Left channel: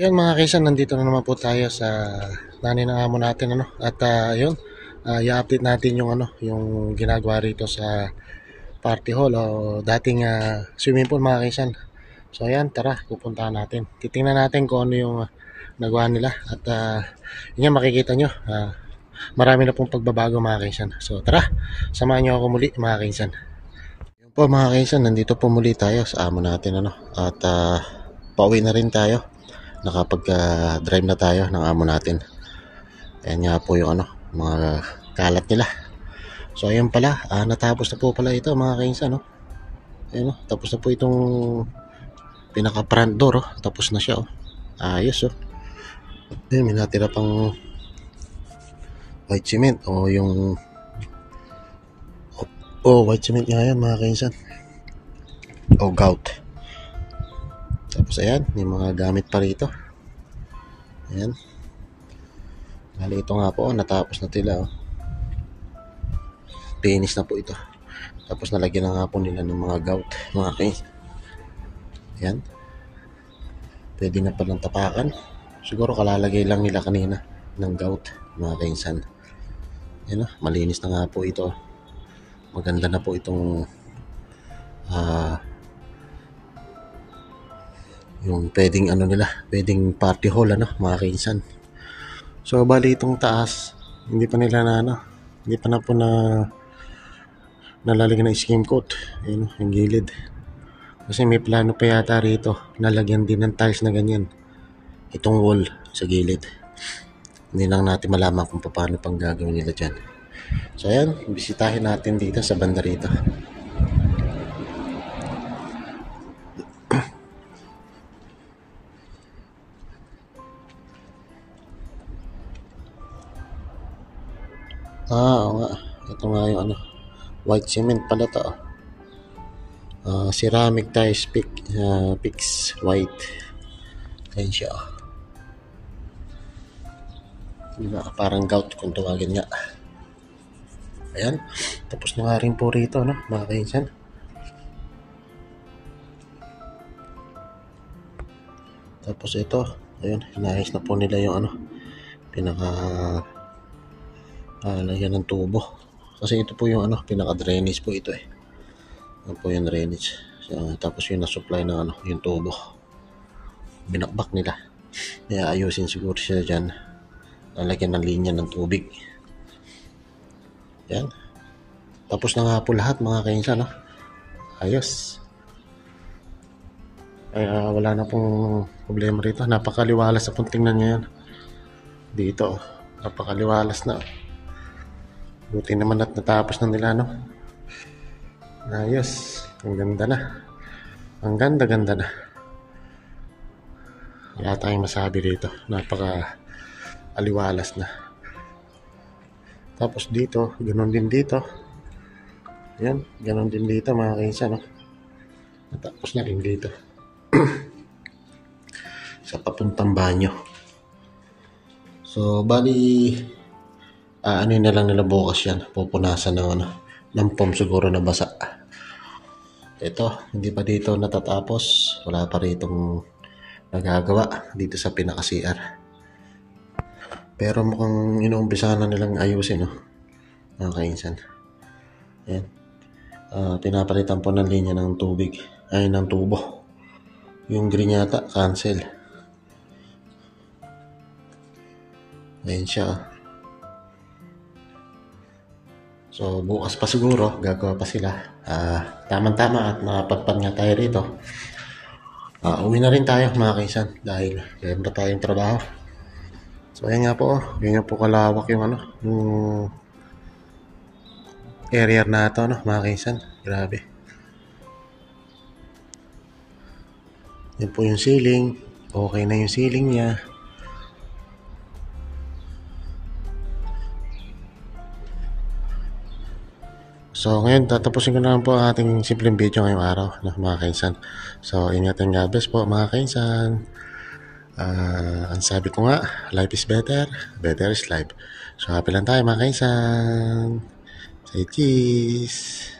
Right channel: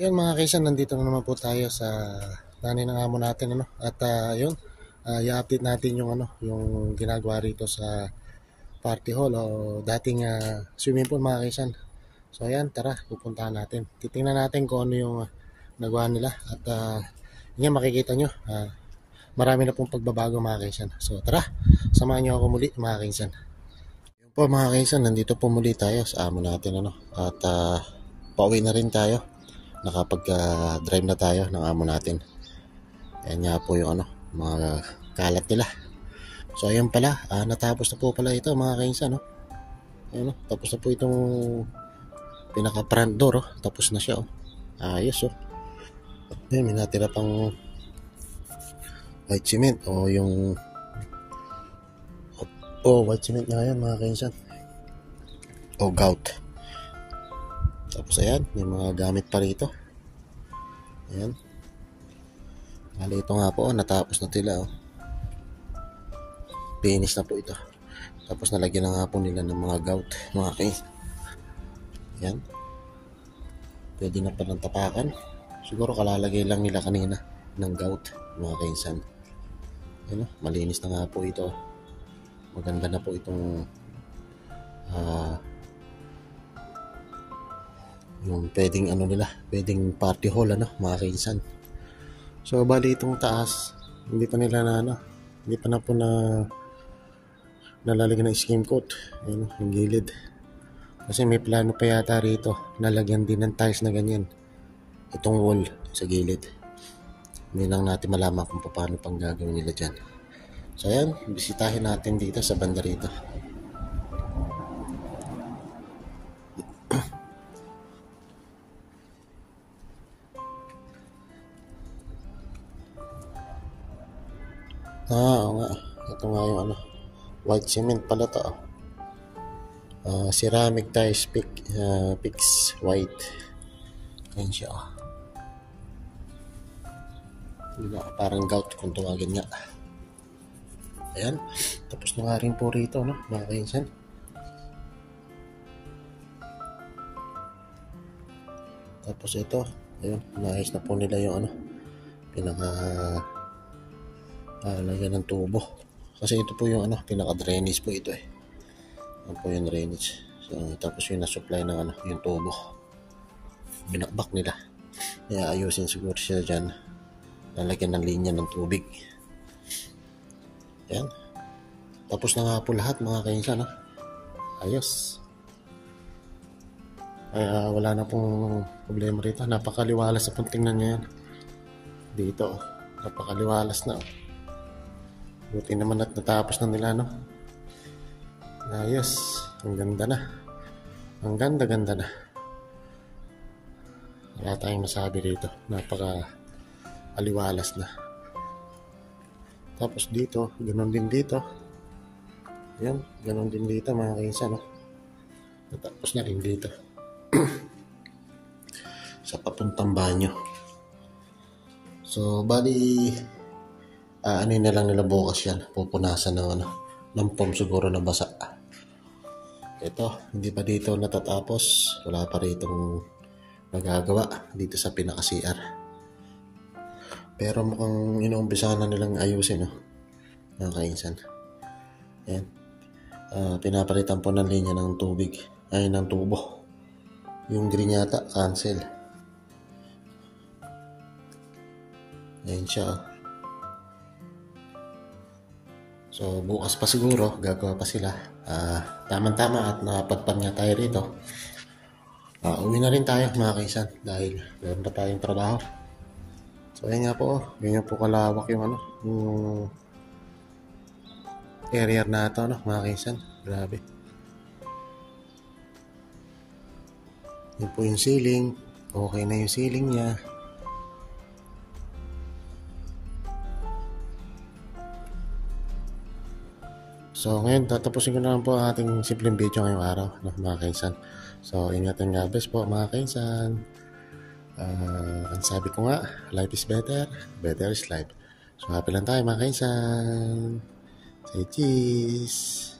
Ayan mga kaisan, nandito na naman po tayo sa nanay ng amo natin at yun, i-update natin yung yung ginagawa rito sa party hall o dating swimming pool mga kaisan. So ayan, tara, pupuntahan natin. Titingnan natin kung ano yung nagawa nila at yun yan, makikita nyo, marami na pong pagbabago mga kaisan. So tara, samahan nyo ako muli mga kaisan. Yun po mga kaisan, nandito po muli tayo sa amo natin at pauwi na rin tayo. Nakapag-drive na tayo ng amo natin. Ayan nga po yung mga kalat nila. So ayan pala, natapos na po pala ito mga kainsan, no? Ayan, no? Tapos na po itong pinaka front door, oh. Tapos na siya, oh. Ayos, oh. Ayan, may natira pang white cement o yung white cement nga yan mga kainsan, o gout. Tapos ayan, may mga gamit pa rito. Ayan. Bali ito nga po, natapos na tila, oh. Finish na po ito. Tapos nalagyan na nga po nila ng mga gout, mga kainsan. Ayan. Pwede na palang tapakan. Siguro kalalagay lang nila kanina ng gout, mga kainsan. Ayan, oh, malinis na nga po ito. Maganda na po itong yung pwedeng nila, pwedeng party hall mga kainsan. So bali itong taas, hindi pa nila hindi pa na po nalalagyan ng skim coat. Ayun, yung gilid. Kasi may plano pa yata rito, nalagyan din ng tiles na ganyan. Itong wall sa gilid. Hindi lang natin malaman kung paano pang gagawin nila dyan. So ayan, bisitahin natin dito sa banda rito. Oo nga. Ito nga yung white cement pala to. Ceramic tiles pix white. Ayan siya. Parang gout kung tawagin nga. Ayan. Tapos na nga rin po rito, mga kainsan. Tapos ito, ayun, inayos na po nila yung lagyan ng tubo. Kasi ito po yung pinaka-drainage po ito eh. Ito po yung drainage. So, tapos yung na-supply ng yung tubo. Binakbak nila. Kaya ayusin siguro siya dyan. Lalagyan ng linya ng tubig. Yan. Tapos na nga po lahat mga kainsan, ayos. Kaya wala na pong problema rito. Napakaliwalas sa pong tingnan nyo yan. Dito, napakaliwalas na. Buti naman at natapos na nila, Ayos. Ang ganda na. Ang ganda na. Wala tayong masabi dito. Napaka-aliwalas na. Tapos dito, ganoon din dito. Ayan, ganoon din dito mga kainsan, Natapos na rin dito. Sa papuntang banyo. So, bali na lang nila bukas yan. Pupunasan ng foam siguro na basa. Ito, hindi pa dito natatapos. Wala pa ritong nagagawa dito sa pinaka-CR. Pero mukhang inuumpisahan na nilang ayusin, mga kainsan. Ayan. Pinapalitan po ng linya ng tubig. Ay, ng tubo. Yung green yata, cancel. Ayan siya. So, bukas pa siguro, gagawa pa sila. Tama-tama at nakapagpan nga tayo rito. Uwi na rin tayo mga kaisan dahil meron na tayong trabaho. So, ayan nga po. Ganyan po kalawak yung yung area na ito, mga kaisan. Grabe. Yan po yung ceiling. Okay na yung ceiling niya. So ngayon tatapusin ko na lang po ang ating simpleng video ngayong araw, mga kainsan. So ingatan, God bless po mga kainsan. Ang sabi ko nga, life is better, better is life. So happy lang tayo mga kainsan. Say cheese.